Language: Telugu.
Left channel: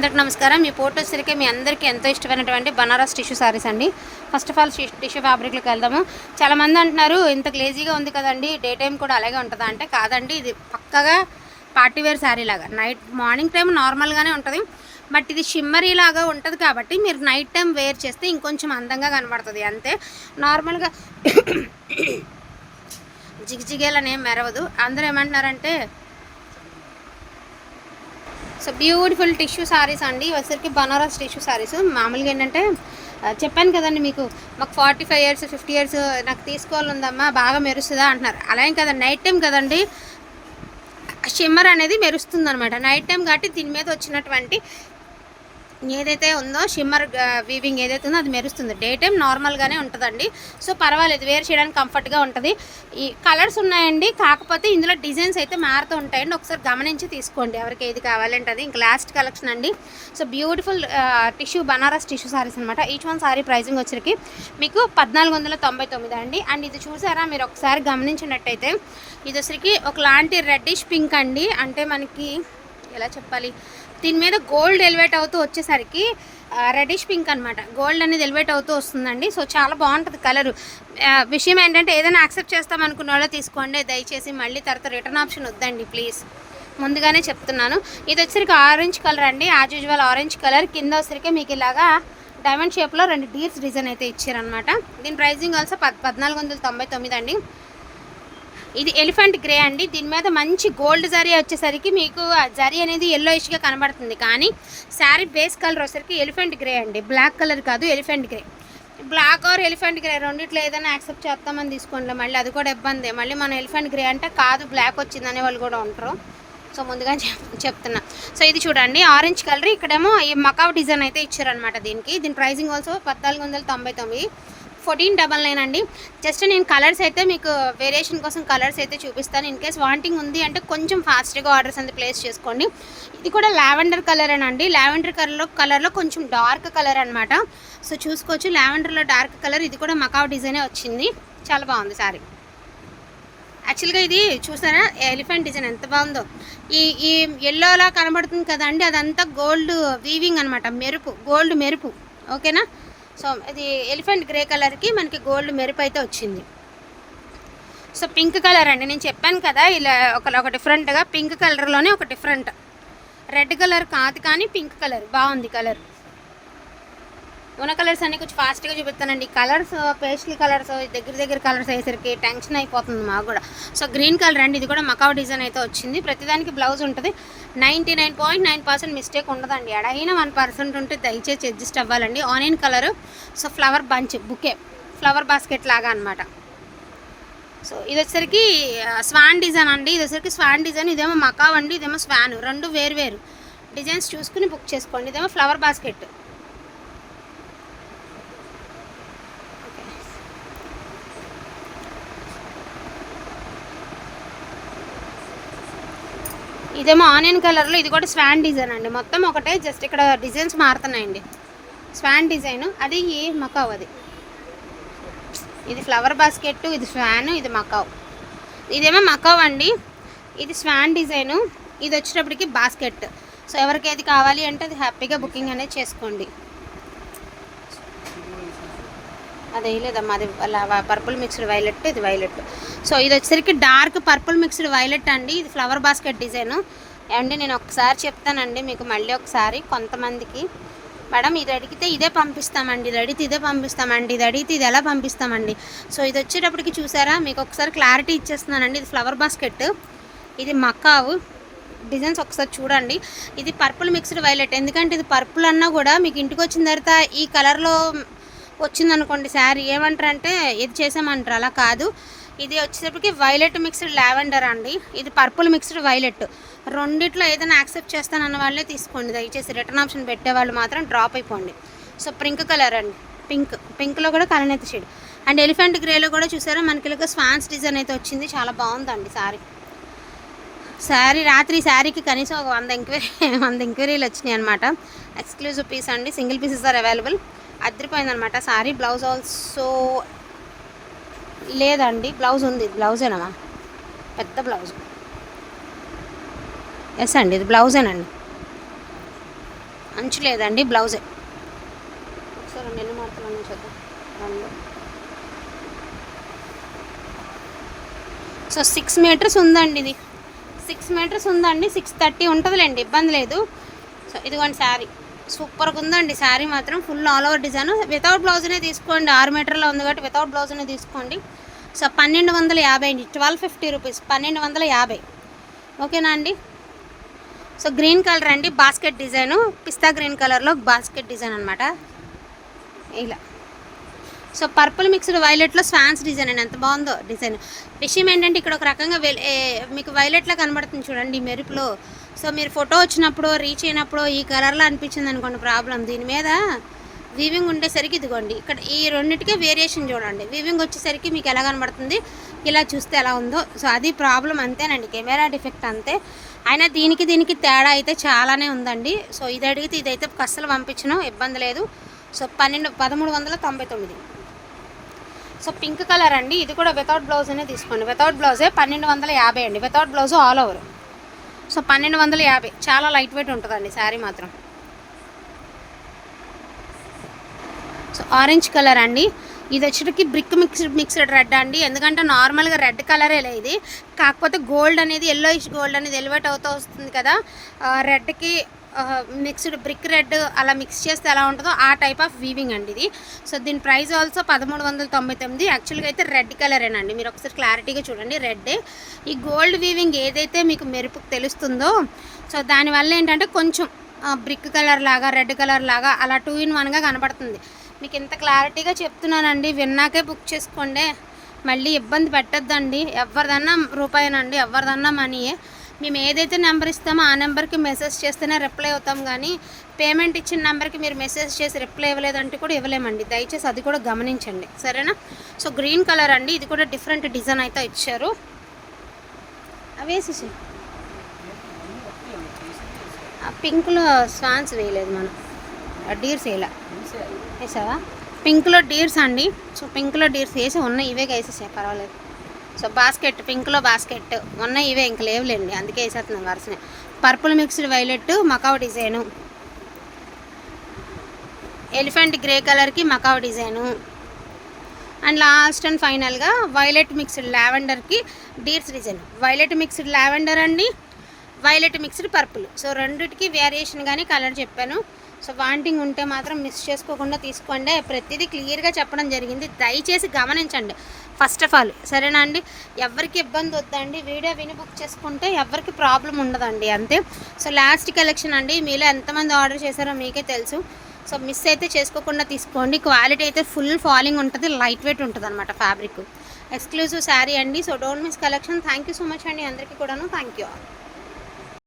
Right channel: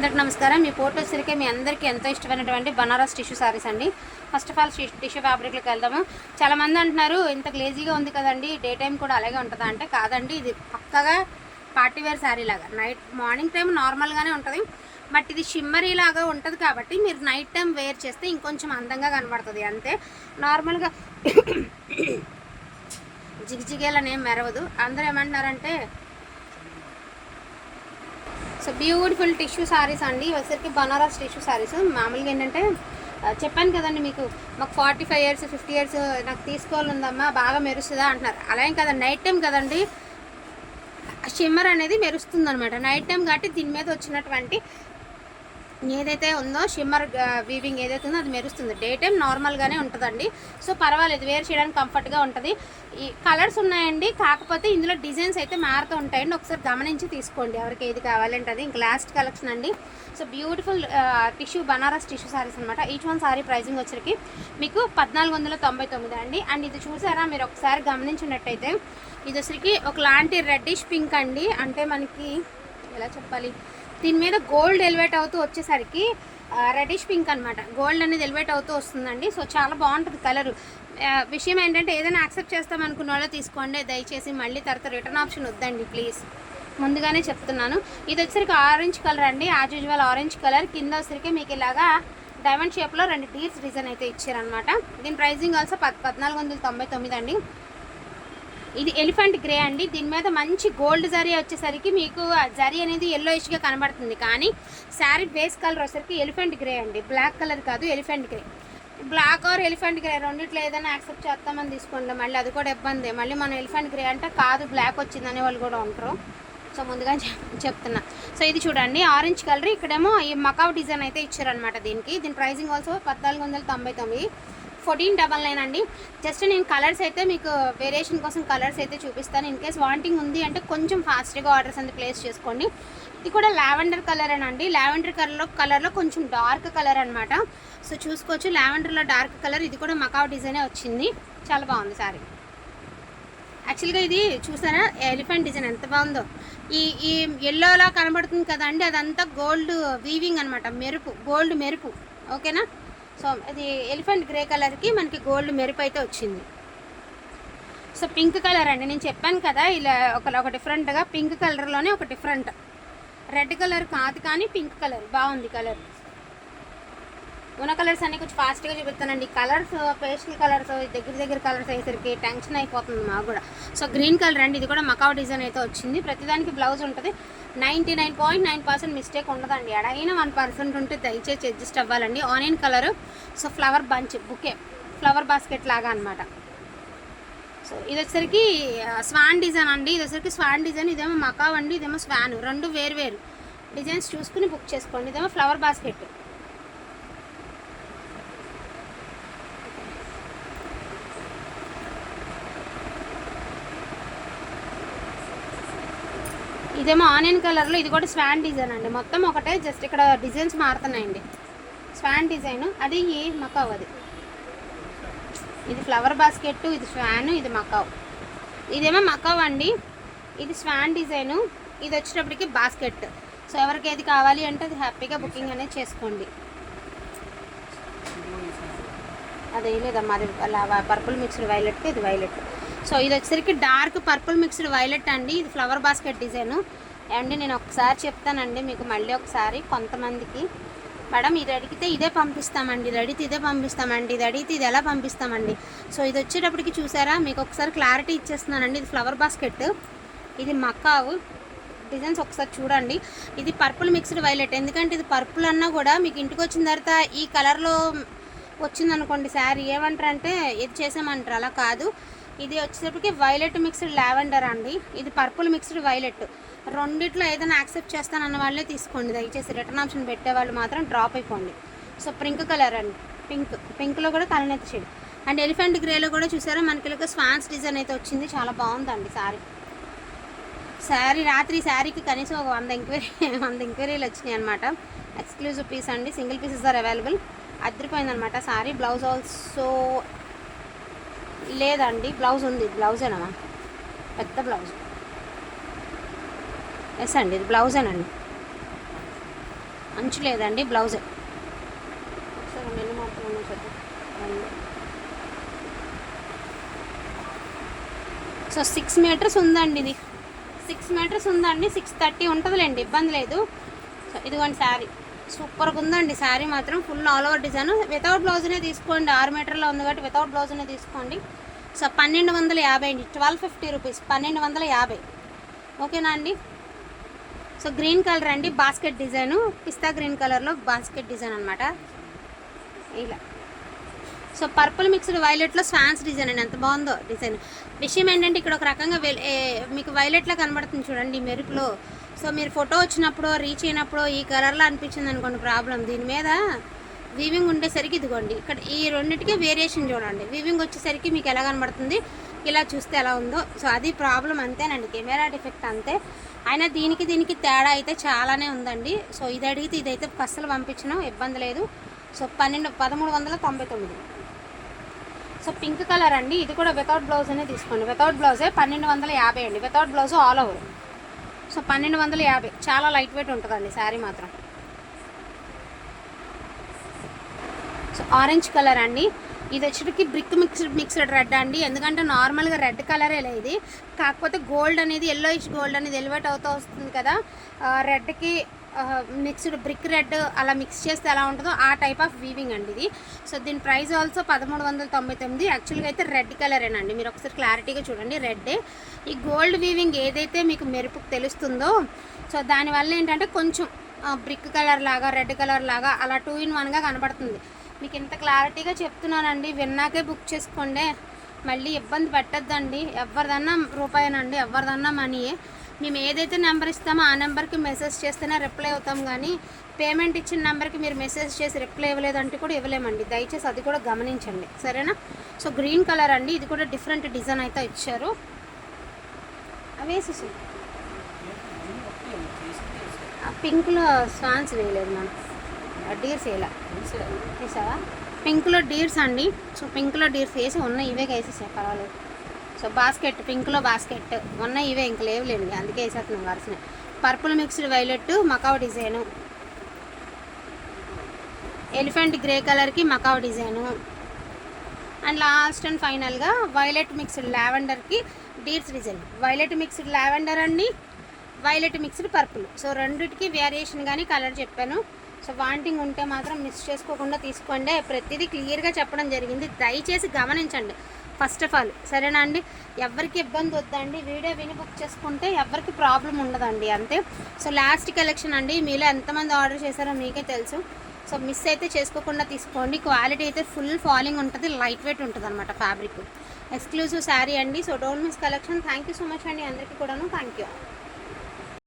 అందరికి నమస్కారం. మీ ఫోటోస్కి మీ అందరికీ ఎంతో ఇష్టమైనటువంటి బనారస్ టిష్యూ సారీస్ అండి. ఫస్ట్ ఆఫ్ ఆల్ టిష్యూ ఫ్యాబ్రిక్లోకి వెళ్దాము. చాలామంది అంటున్నారు ఇంత గ్లేజీగా ఉంది కదండి డే టైం కూడా అలాగే ఉంటుందా? అంటే కాదండి ఇది పక్కగా పార్టీ వేర్ శారీ లాగా. నైట్ మార్నింగ్ టైం నార్మల్గానే ఉంటుంది. బట్ ఇది షిమ్మరీ లాగా ఉంటుంది కాబట్టి మీరు నైట్ టైం వేర్ చేస్తే ఇంకొంచెం అందంగా కనబడుతుంది. అంతే. నార్మల్గా జిగ్జిగేలనేం మెరవదు. అందరూ ఏమంటున్నారంటే సో బ్యూటిఫుల్ టిష్యూ సారీస్ అండి. వచ్చరికి బనారస్ టిష్యూ సారీస్ మామూలుగా ఏంటంటే చెప్పాను కదండి మీకు మాకు forty five years fifty years నాకు తీసుకోవాలి ఉందమ్మా బాగా మెరుస్తుందా అంటున్నారు. అలా ఏం నైట్ టైం కదండి షిమ్మర్ అనేది మెరుస్తుంది అనమాట నైట్ టైం కాబట్టి దీని మీద వచ్చినటువంటి ఏదైతే ఉందో షిమ్మర్ వీవింగ్ ఏదైతే ఉందో అది మెరుస్తుంది. డే టైం నార్మల్గానే ఉంటుందండి. సో పర్వాలేదు వేర్ చేయడానికి కంఫర్ట్గా ఉంటుంది. ఈ కలర్స్ ఉన్నాయండి కాకపోతే ఇందులో డిజైన్స్ అయితే మారుతూ ఉంటాయండి. ఒకసారి గమనించి తీసుకోండి ఎవరికి ఏది కావాలంటే అది ఇంకా లాస్ట్ కలెక్షన్ అండి. So beautiful tissue Banaras tissue saris అనమాట ఈచ్ వన్ సారీ ప్రైసింగ్ వచ్చరికి మీకు పద్నాలుగు వందల తొంభై తొమ్మిది అండి. అండ్ ఇది చూసారా మీరు ఒకసారి గమనించినట్టయితే ఇది వచ్చరికి ఒకలాంటి రెడ్డిష్ పింక్ అండి. అంటే మనకి ఎలా చెప్పాలి? దీని మీద గోల్డ్ ఎలివేట్ అవుతూ వచ్చేసరికి రెడిష్ పింక్ అనమాట గోల్డ్ అనేది ఎలివేట్ అవుతూ వస్తుందండి. సో చాలా బాగుంటుంది కలర్ విషయం ఏంటంటే ఏదైనా యాక్సెప్ట్ చేస్తాం అనుకున్న వాళ్ళు తీసుకోండి. దయచేసి మళ్ళీ తర్వాత రిటర్న్ ఆప్షన్ వద్దండి ప్లీజ్ ముందుగానే చెప్తున్నాను. ఇది వచ్చరికి ఆరెంజ్ కలర్ అండి. యాజ్ యూజువల్ ఆరెంజ్ కలర్ కింద వచ్చరికి మీకు ఇలాగా డైమండ్ షేప్లో రెండు డీర్స్ డిజైన్ అయితే ఇచ్చారనమాట దీని ప్రైజింగ్ ఆల్సో పద్ పద్నాలుగు వందల తొంభై తొమ్మిది అండి. ఇది ఎలిఫెంట్ గ్రే అండి. దీని మీద మంచి గోల్డ్ జరీ వచ్చేసరికి మీకు ఆ జరీ అనేది ఎల్లోయిష్గా కనబడుతుంది. కానీ శారీ బేస్ కలర్ వచ్చేసరికి ఎలిఫెంట్ గ్రే అండి. బ్లాక్ కలర్ కాదు elephant grey. Black or elephant grey రెండిట్లో ఏదైనా యాక్సెప్ట్ చేస్తామని తీసుకోండి. మళ్ళీ అది కూడా ఇబ్బంది. మళ్ళీ మన ఎలిఫెంట్ గ్రే అంటే కాదు బ్లాక్ వచ్చింది వాళ్ళు కూడా ఉంటారు. సో ముందుగా చెప్తున్నా. సో ఇది చూడండి ఆరెంజ్ కలర్. ఇక్కడేమో ఈ మకావ్ డిజైన్ అయితే ఇచ్చారనమాట దీనికి. దీని ప్రైసింగ్ ఆల్సో పద్నాలుగు వందల తొంభై తొమ్మిది. ఫోర్టీన్ డబల్ నైన్ అండి. జస్ట్ నేను కలర్స్ అయితే మీకు వేరియేషన్ కోసం కలర్స్ అయితే చూపిస్తాను. ఇన్ కేస్ వాంటింగ్ ఉంది అంటే కొంచెం ఫాస్ట్గా ఆర్డర్స్ అంతా ప్లేస్ చేసుకోండి. ఇది కూడా లావెండర్ కలర్ అండి లావెండర్ కలర్లో కలర్లో కొంచెం డార్క్ కలర్ అనమాట సో చూసుకోవచ్చు లావెండర్లో డార్క్ కలర్. ఇది కూడా మకావ్ డిజైనే వచ్చింది. చాలా బాగుంది సారీ. యాక్చువల్గా ఇది చూసారా? ఎలిఫెంట్ డిజైన్ ఎంత బాగుందో. ఈ ఈ ఎల్లోలా కనబడుతుంది కదండి. అదంతా గోల్డ్ వీవింగ్ అనమాట మెరుపు గోల్డ్ మెరుపు. ఓకేనా? సో ఇది ఎలిఫెంట్ గ్రే కలర్కి మనకి గోల్డ్ మెరుపు అయితే వచ్చింది. సో పింక్ కలర్ అండి. నేను చెప్పాను కదా ఇలా ఒక ఒక డిఫరెంట్గా పింక్ కలర్లోనే ఒక డిఫరెంట్. రెడ్ కలర్ కాదు కానీ పింక్ కలర్ బాగుంది కలర్. ఉన్న కలర్స్ అన్ని కొంచెం ఫాస్ట్గా చూపిస్తానండి. కలర్స్ పేస్ట్లీ కలర్స్ దగ్గర దగ్గర కలర్స్ అయ్యేసరికి టెన్షన్ అయిపోతుంది మాకు కూడా. సో గ్రీన్ కలర్ అండి ఇది కూడా మకావ్ డిజైన్ అయితే వచ్చింది. ప్రతిదానికి బ్లౌజ్ ఉంటుంది. Ninety nine point nine percent mistake ఉండదండి. ఎడైనా వన్ పర్సెంట్ ఉంటే దయచేసి అడ్జస్ట్ అవ్వాలండి. Onion colour so flower bunch bouquet flower basket లాగా అనమాట సో ఇది వచ్చేసరికి స్వాన్ డిజైన్ అండి. ఇది వచ్చేసరికి స్వాన్ డిజైన్ ఇదేమో మకావ్ అండి. ఇదేమో స్వాన్ రెండు వేరు వేరు. డిజైన్స్ చూసుకుని బుక్ చేసుకోండి. ఇదేమో ఫ్లవర్ బాస్కెట్ ఇదేమో ఆనియన్ కలర్లో ఇది కూడా స్వాన్ డిజైన్ అండి. మొత్తం ఒకటే జస్ట్ ఇక్కడ డిజైన్స్ మారుతున్నాయండి. స్వాన్ డిజైన్ అది ఈ మకావ్ అది. ఇది ఫ్లవర్ బాస్కెట్ ఇది స్వాన్ ఇది మకావ్. ఇదేమో మకావ్ అండి. ఇది స్వాన్ డిజైను ఇది వచ్చేటప్పటికి బాస్కెట్. సో ఎవరికి ఏది కావాలి అంటే అది హ్యాపీగా బుకింగ్ అనేది చేసుకోండి. అదే లేదమ్మా అది పర్పుల్ మిక్స్డ్ వైలెట్ ఇది వైలెట్ సో ఇది వచ్చేసరికి డార్క్ పర్పుల్ మిక్స్డ్ వైలెట్ అండి. ఇది ఫ్లవర్ బాస్కెట్ డిజైన్ అండి నేను ఒకసారి చెప్తానండి మీకు మళ్ళీ ఒకసారి కొంతమందికి. మేడం ఇది అడిగితే ఇదే పంపిస్తామండి ఇది అడిగితే ఇదే పంపిస్తామండి ఇది అడిగితే ఇది ఎలా పంపిస్తామండి? సో ఇది వచ్చేటప్పటికి చూసారా? మీకు ఒకసారి క్లారిటీ ఇచ్చేస్తున్నానండి. ఇది ఫ్లవర్ బాస్కెట్ ఇది మక్కావు డిజైన్స్ ఒకసారి చూడండి. ఇది పర్పుల్ మిక్స్డ్ వైలెట్ ఎందుకంటే ఇది పర్పుల్ అన్నా కూడా మీకు ఇంటికి వచ్చిన తర్వాత ఈ కలర్లో వచ్చిందనుకోండి శారీ ఏమంటారంటే ఇది చేసామంటారు అలా కాదు. ఇది వచ్చేటప్పటికి వైలెట్ మిక్స్డ్ లావెండర్ అండి. ఇది పర్పుల్ మిక్స్డ్ వైలెట్ రెండిట్లో ఏదైనా యాక్సెప్ట్ చేస్తానన్న వాళ్ళే తీసుకోండి. దయచేసి రిటర్న్ ఆప్షన్ పెట్టే వాళ్ళు మాత్రం డ్రాప్ అయిపోండి. సో పింక్ కలర్ అండి. పింక్ పింక్లో కూడా కలనేత షేడ్ అండ్ ఎలిఫెంట్ గ్రేలో కూడా చూసారా మనకి ఇలాగ స్వాన్స్ డిజైన్ అయితే వచ్చింది. చాలా బాగుందండి సారీ శారీ రాత్రి శారీకి కనీసం ఒక వంద ఎంక్వైరీ వంద ఎంక్వైరీలు వచ్చినాయి అనమాట ఎక్స్క్లూజివ్ పీస్ అండి. సింగిల్ పీసెస్ ఆర్ అవైలబుల్ అదిరిపోయిందనమాట సారీ బ్లౌజ్ ఆల్సో లేదండి బ్లౌజ్ ఉంది బ్లౌజేనా? పెద్ద బ్లౌజ్. ఎస్ అండి ఇది బ్లౌజేనండి. అంచు లేదండి బ్లౌజే. సో సిక్స్ మీటర్స్ ఉందండి ఇది. సిక్స్ మీటర్స్ ఉందండి సిక్స్ థర్టీ ఉంటుందిలేండి ఇబ్బంది లేదు. సో ఇదిగోండి శారీ సూపర్గా ఉందండి శారీ మాత్రం full all over design. Without బ్లౌజ్నే తీసుకోండి. ఆరు మీటర్లో ఉంది కాబట్టి వితౌట్ బ్లౌజ్నే తీసుకోండి. సో పన్నెండు వందల యాభై అండి ట్వెల్వ్ ఫిఫ్టీ రూపీస్. పన్నెండు వందల యాభై. ఓకేనా అండి? సో గ్రీన్ కలర్ అండి. Basket design. పిస్తా గ్రీన్ కలర్లో బాస్కెట్ డిజైన్ అనమాట ఇలా. సో పర్పుల్ మిక్స్డ్ వైలెట్లో స్వాన్స్ డిజైన్ అండి. ఎంత బాగుందో డిజైన్. విషయం ఏంటంటే ఇక్కడ ఒక రకంగా మీకు వైలెట్లో కనబడుతుంది చూడండి మెరుపులో. సో మీరు ఫోటో వచ్చినప్పుడు రీచ్ అయినప్పుడు ఈ కలర్లో అనిపించింది అనుకోండి ప్రాబ్లం. దీని మీద వీవింగ్ ఉండేసరికి ఇదిగోండి. ఇక్కడ ఈ రెండింటికే వేరియేషన్ చూడండి. వీవింగ్ వచ్చేసరికి మీకు ఎలా కనబడుతుంది? ఇలా చూస్తే ఎలా ఉందో. సో అది ప్రాబ్లం అంతేనండి. కెమెరా డిఫెక్ట్ అంతే. అయినా దీనికి దీనికి తేడా అయితే చాలానే ఉందండి. సో ఇది అడిగితే ఇదైతే అస్సలు పంపించడం ఇబ్బంది లేదు. సో పన్నెండు పదమూడు వందల తొంభై తొమ్మిది. సో పింక్ కలర్ అండి. ఇది కూడా వితౌట్ బ్లౌజ్నే తీసుకోండి. వితౌట్ బ్లౌజే పన్నెండు వందల యాభై అండి. Without blouse all over. So పన్నెండు వందల యాభై. చాలా లైట్ వెయిట్ ఉంటుందండి శారీ మాత్రం. సో ఆరెంజ్ కలర్ అండి. ఇది వచ్చేటికి బ్రిక్ మిక్స్డ్ మిక్స్డ్ రెడ్ అండి. ఎందుకంటే నార్మల్గా రెడ్ కలరే ఇది. కాకపోతే గోల్డ్ అనేది ఎల్లోయిష్ గోల్డ్ అనేది ఎలివేట్ అవుతూ వస్తుంది కదా. రెడ్కి మిక్స్డ్ బ్రిక్ రెడ్ అలా మిక్స్ చేస్తే ఎలా ఉంటుందో ఆ టైప్ ఆఫ్ వీవింగ్ అండి ఇది. సో దీని ప్రైస్ ఆల్సో పదమూడు వందల తొంభై తొమ్మిది. యాక్చువల్గా అయితే రెడ్ కలరేనండి మీరు ఒకసారి క్లారిటీగా చూడండి రెడ్డే ఈ గోల్డ్ వీవింగ్ ఏదైతే మీకు మెరుపు తెలుస్తుందో సో దానివల్ల ఏంటంటే కొంచెం బ్రిక్ కలర్ లాగా రెడ్ కలర్ లాగా అలా టూ ఇన్ వన్గా కనబడుతుంది మీకు ఇంత క్లారిటీగా చెప్తున్నానండి. విన్నాకే బుక్ చేసుకోండి. మళ్ళీ ఇబ్బంది పెట్టద్దండి. ఎవరిదన్నా రూపాయినండి ఎవరిదన్నా మనీయే మేము ఏదైతే నెంబర్ ఇస్తామో ఆ నెంబర్కి మెసేజ్ చేస్తేనే రిప్లై అవుతాం కానీ పేమెంట్ ఇచ్చిన నెంబర్కి మీరు మెసేజ్ చేసి రిప్లై ఇవ్వలేదంటే కూడా ఇవ్వలేమండి. దయచేసి అది కూడా గమనించండి. సరేనా? సో గ్రీన్ కలర్ అండి. ఇది కూడా డిఫరెంట్ డిజైన్ అయితే ఇచ్చారు. అవేసేసి పింక్లో స్వాన్స్ వేయలేదు మనం. డీర్స్ వేయలే. వేసావా? పింక్లో డీర్స్ అండి. సో పింక్లో డీర్స్ వేసి ఉన్నాయి. ఇవే వేసేసాయి పర్వాలేదు. సో బాస్కెట్ పింక్లో బాస్కెట్. మొన్న ఇవే ఇంక లేవులేండి అందుకే వేసేస్తున్నాను వరుసనే. Purple mixed violet macaw design. Elephant grey కలర్కి macaw design. And last and ఫైనల్గా violet mixed లావెండర్కి deers design. Violet mixed lavender అండి వైలెట్ మిక్స్డ్ పర్పుల్. సో రెండిటికి వేరియేషన్ కానీ కలర్ చెప్పాను. సో వాంటింగ్ ఉంటే మాత్రం మిస్ చేసుకోకుండా తీసుకోండి. ప్రతిదీ క్లియర్గా చెప్పడం జరిగింది. దయచేసి గమనించండి. ఫస్ట్ ఆఫ్ ఆల్ సరేనా అండి? ఎవరికి ఇబ్బంది వద్దండి వీడియో విని బుక్ చేసుకుంటే ఎవరికి ప్రాబ్లం ఉండదండి అంతే. సో లాస్ట్ కలెక్షన్ అండి మీలో ఎంతమంది ఆర్డర్ చేశారో మీకే తెలుసు. సో మిస్ అయితే చేసుకోకుండా తీసుకోండి. క్వాలిటీ అయితే ఫుల్ ఫాలింగ్ ఉంటుంది లైట్ వెయిట్ ఉంటుంది అనమాట ఫ్యాబ్రిక్ ఎక్స్క్లూజివ్ శారీ అండి. So don't miss collection thank you so much అండి అందరికీ కూడాను. Thank you